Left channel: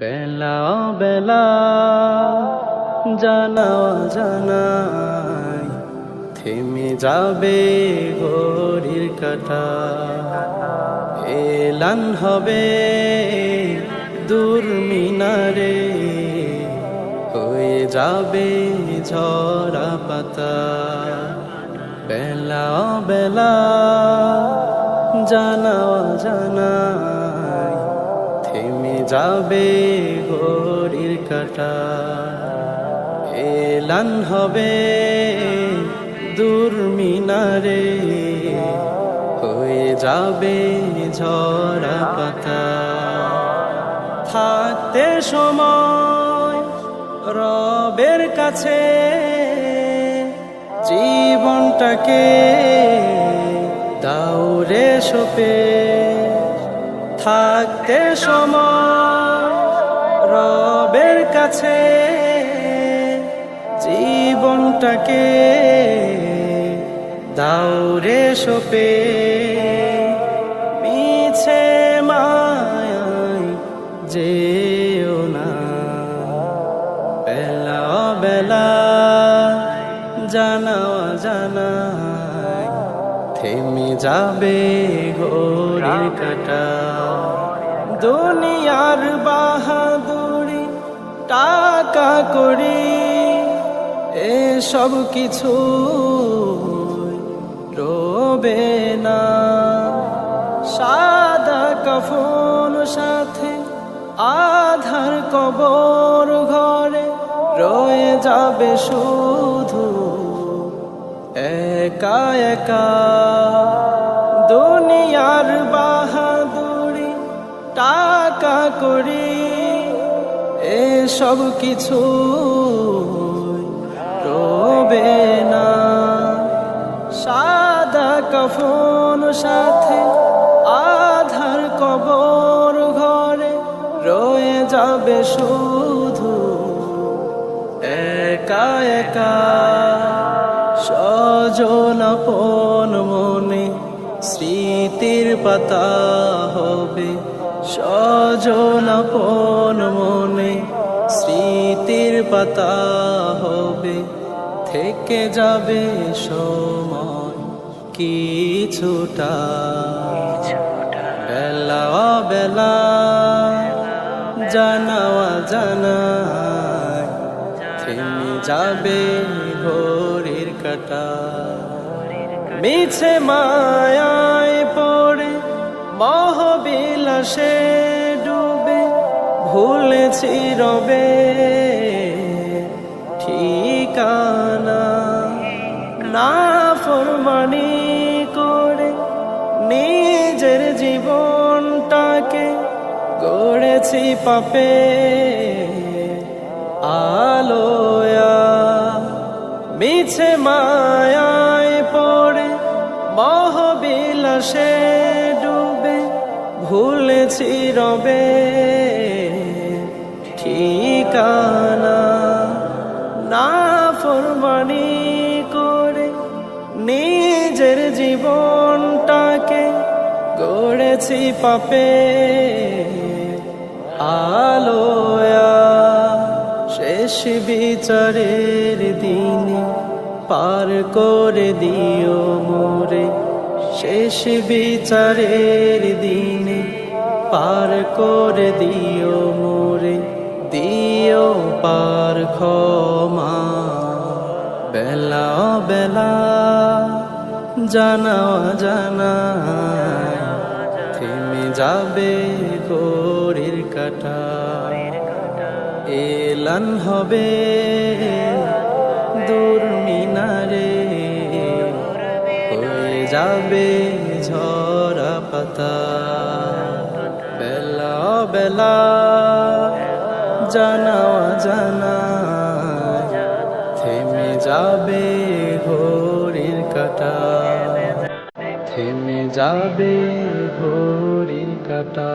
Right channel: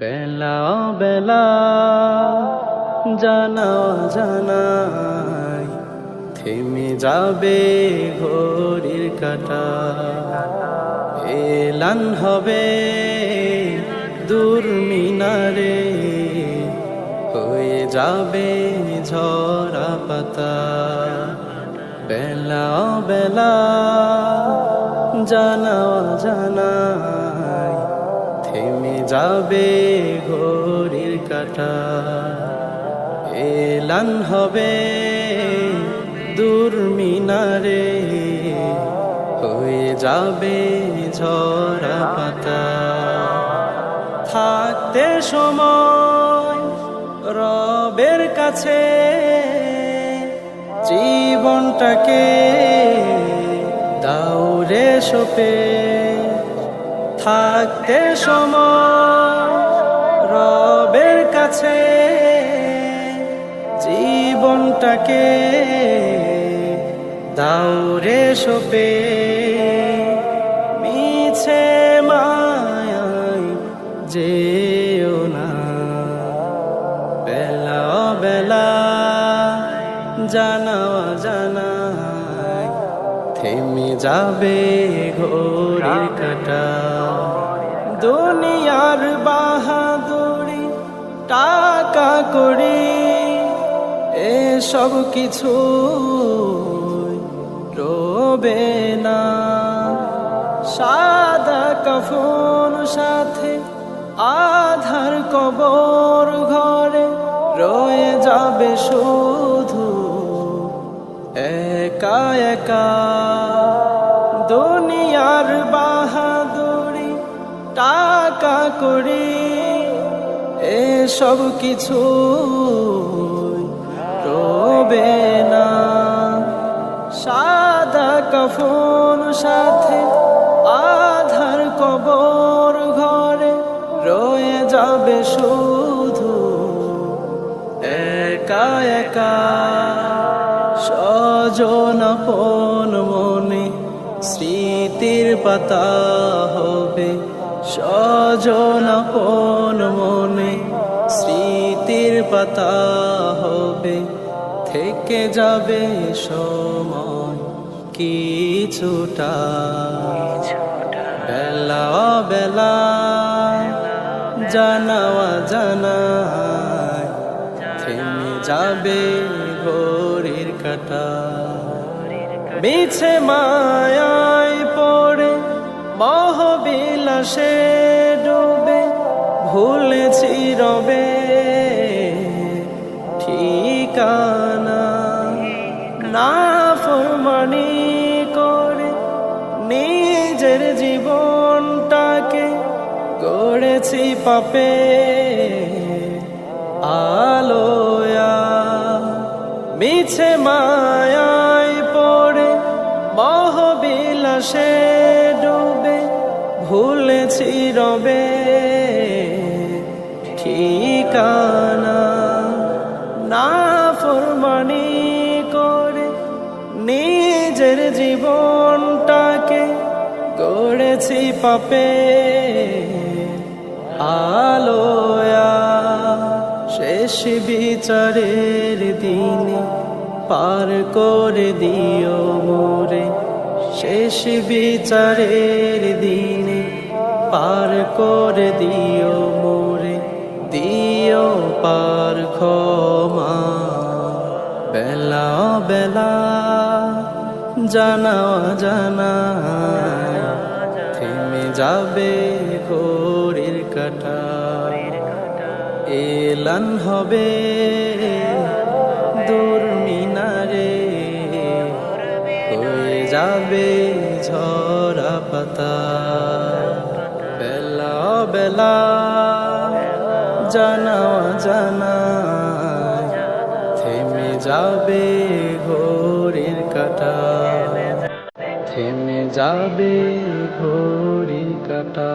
বেলা বেলা জানা জানাই থেমে যাবে ঘড়ির কাটা। এলান হবে দূর মিনারে, হয়ে যাবে ঝরা পাতা। বেলা বেলা জানা জানাই থেমে যাবে ঘড়ির কাটা। এলান হবে দূর মিনারে, হয়ে যাবে ঝরা পাতা। থাকতে সময় রবের কাছে, জীবনটাকে দাউরে সোপে থাকতে সময় রবের কাছে জীবনটাকে দাউরে সোপে, মিছে মায়াই যেও না। বেলা বেলা জানাওয়া জানাই থেমে যাবে ঘড়ির কাটা। দুনিয়ার বাহাদুরি টাকা করি, এসব কিছু রবে না। সাদা কফন সাথে আধার কবর ঘরে রয়ে যাবে শুধু একা একা দুনিয়ার বাহাদুরি টাকা করি, এসব কিছু রবে না। সাদা কফন সাথে আধার কবর ঘরে রয়ে যাবে শুধু একা একা সজন আপন মনে স্মৃতির পাতা হবে। সজন আপন মনে স্মৃতির পাতা হবে। থেকে যাবে সময় কিছুটা। বেলা বেলা জানাওয়া জানায়। থেমে যাবে ঘড়ির কাটা। মিছে মায়ায় পড়ে মহবিলাসে ডুবে ভুলেছি রবে ঠিকানা। না ফরমানি করে নিজের জীবনটাকে গড়েছি পাপে। আলোয়া মিছে মায়ায় পড়ে মহবিলাসে ডুবে ভুলেছি রবে ঠিকানা না ফরমানি করে নিজের জীবনটাকে গড়েছি পাপে আলোয়া শেষ বিচারের দিনে পার করে দিও মোরে। শেষ বিচারের দিনে পার করে দিও মোরে। দিও পার ক্ষমা। বেলা বেলা জানাওয়া জানা থেমে যাবে ঘড়ির কাটা। এলান হবে দূর মিনারে। হয়ে যাবে ঝরা পাতা। বেলা বেলা জানা জানাই থেমে যাবে ঘড়ির কাটা। থেমে যাবে ঘড়ির কাটা।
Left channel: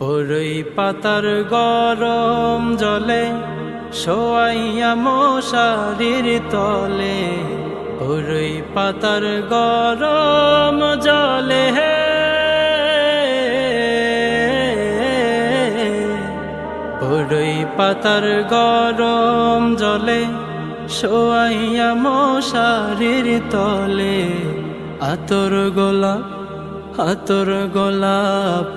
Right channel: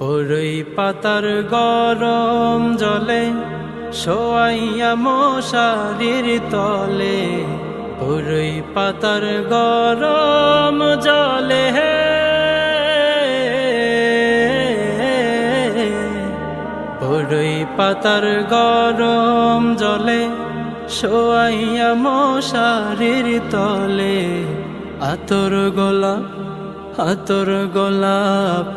পরই পাতার গরম জলে শোয়াইয়া মশারির তলে। পরই পাতার গরম জলে। হে বড়ই পাতার গরম জলে শোয়াইয়া মশারির তলে। আতর গোলাপ আতর গোলাপ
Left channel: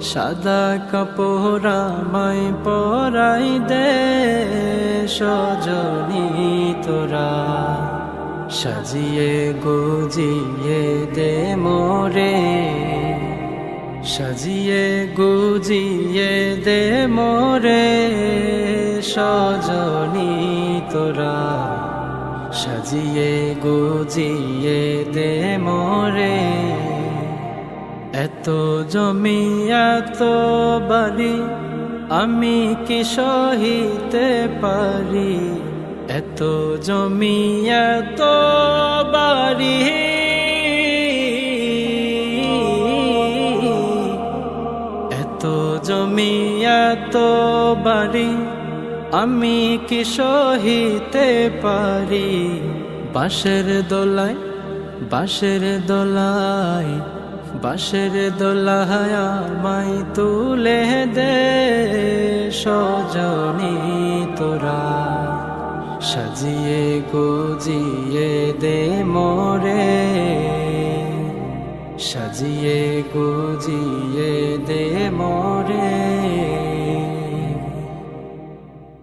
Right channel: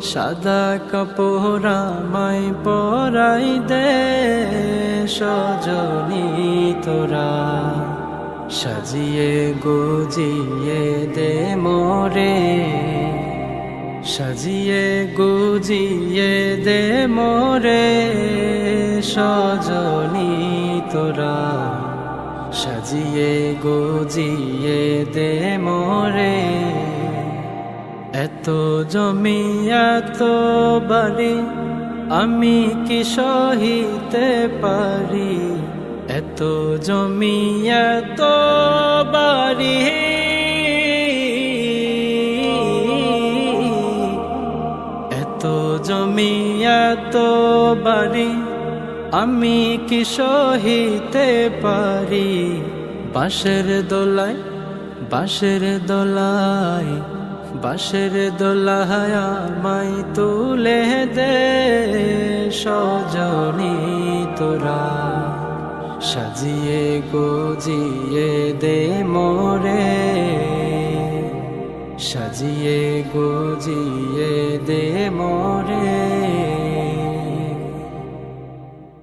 সাদা কাপড় মাই পরাই দে, সজনী তোরা। সাজিয়ে গুজিয়ে দে মোরে, সাজিয়ে গুজিয়ে দে মোরে, সজনী তোরা। সাজিয়ে গুজিয়ে দে মোরে। এত জমি এত বাড়ি, আমি কি সহিতে পারি? এত জমি, এত বাড়ি। এত জমি, এত বাড়ি, আমি কি সহিতে পারি? বাঁশের দোলায় বাঁশের দোলায় বাঁশের দোলাহায়া মাই তুলে দে সজনী তোরা। সাজিয়ে গোজিয়ে দে মোরে। সাজিয়ে গোজিয়ে দে মোরে।